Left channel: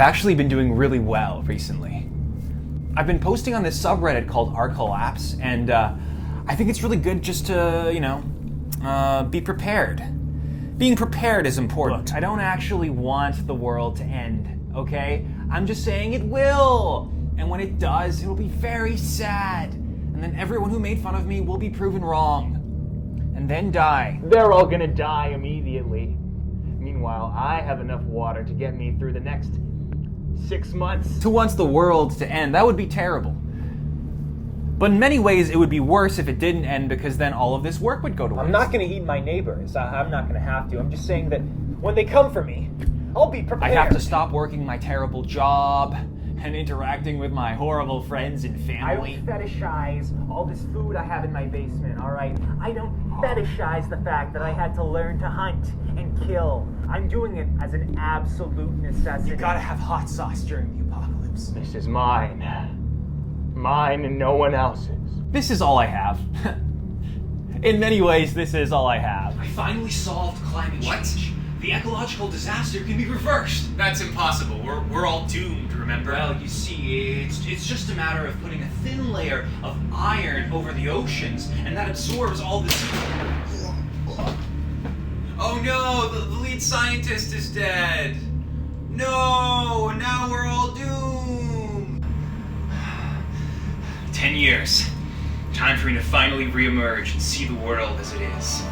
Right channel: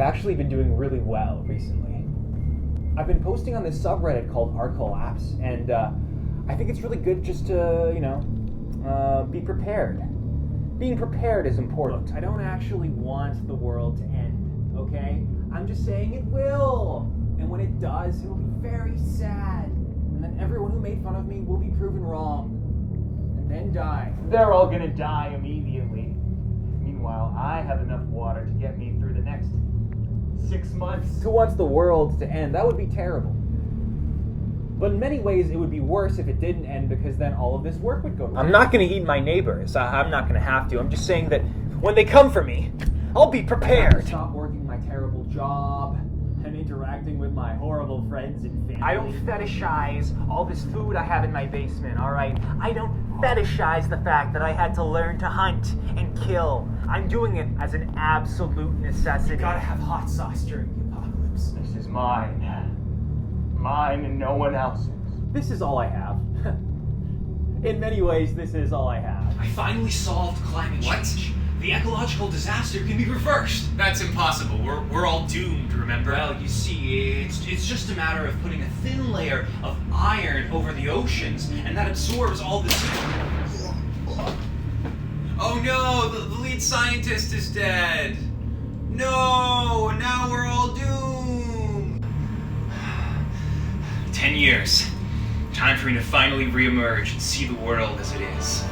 I've actually been doing really well recently. I've been posting on this subreddit called rCollapse, and I think it's really good just to, be prepared. Being prepared is important. Look, I don't actually want the world to end, okay? I'm just saying it will. And when it does, it'll be very sad. And then everyone who made fun of me will be proven wrong. And then die. They're all gonna die immediately. Meanwhile, I have enough water to get me through the next 6 months. To want the world to end, that would be terrible. But in many ways, it would be worse if it didn't end, because then all of this work would go to waste. I'm not going to eat my neighbors. I'm not going to have to. I'm just saying that when they come for me, I'll be prepared. I have to stop working my terrible job and interacting with my horrible friends and family. I don't fetishize all this food I have in my basement, all right? I don't fetishize the fact that I had to learn to hunt and kill. I'm doing it as an absolute necessity. You gotta have hot sauce during the apocalypse. This is mine. Mine and no one else's. This is all I have. In many ways, this is all I have. I finally solved climate change. The ecological disaster can be reversed. That's impossible. We're all doomed, remember? Well, you see, it's just a matter of putting a thin layer of iron over the oceans, and that absorbs all the Oh no, the lead scientist is dead. No, now we're all doomed. 10 years. Time for me to finally reemerge and see the world as it is.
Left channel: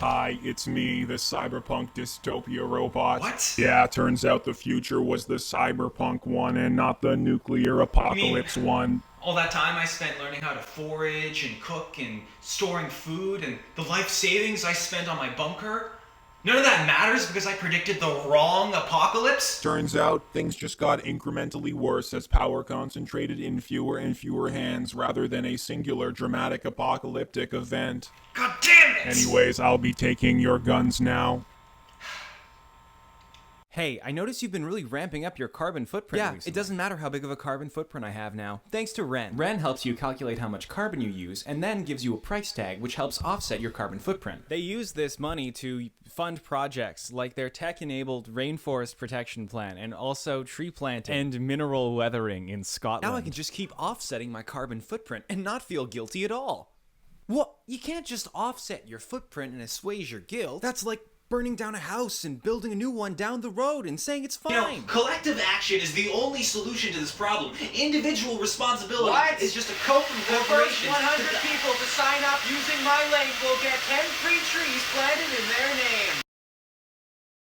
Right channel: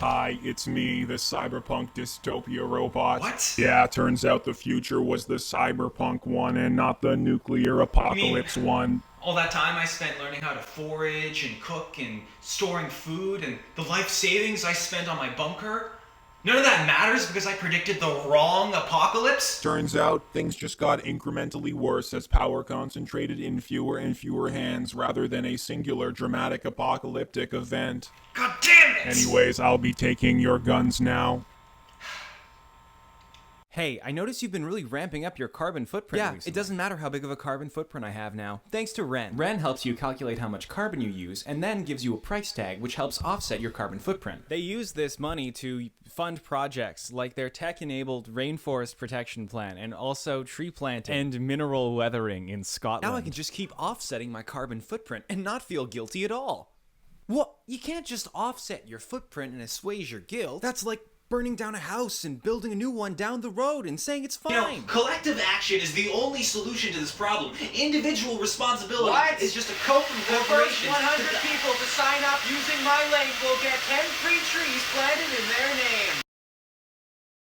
Hi, it's me, the cyberpunk dystopia robot. What? Yeah, turns out the future was the cyberpunk one and not the nuclear apocalypse one. All that time I spent learning how to forage and cook and storing food and the life savings I spent on my bunker, none of that matters because I predicted the wrong apocalypse? Turns out things just got incrementally worse as power concentrated in fewer and fewer hands rather than a singular dramatic apocalyptic event. God damn it! Anyways, I'll be taking your guns now. Hey, I noticed you've been really ramping up your carbon footprint recently. It doesn't matter how big of a carbon footprint I have now, thanks to Ren. Ren helps you calculate how much carbon you use, and then gives you a price tag which helps offset your carbon footprint. They use this money to fund projects like their tech-enabled rainforest protection plan, and also tree planting and mineral weathering in Scotland. Now I can just keep offsetting my carbon footprint and not feel guilty at all. What? You can't just offset your footprint and assuage your guilt. That's like burning down a house and building a new one down the road and saying it's fine. You know, collective action is the only solution to this problem. Individual responsibility is just a code from corporations. The first 100 people to sign up using my link will get 10 free trees planted in their name.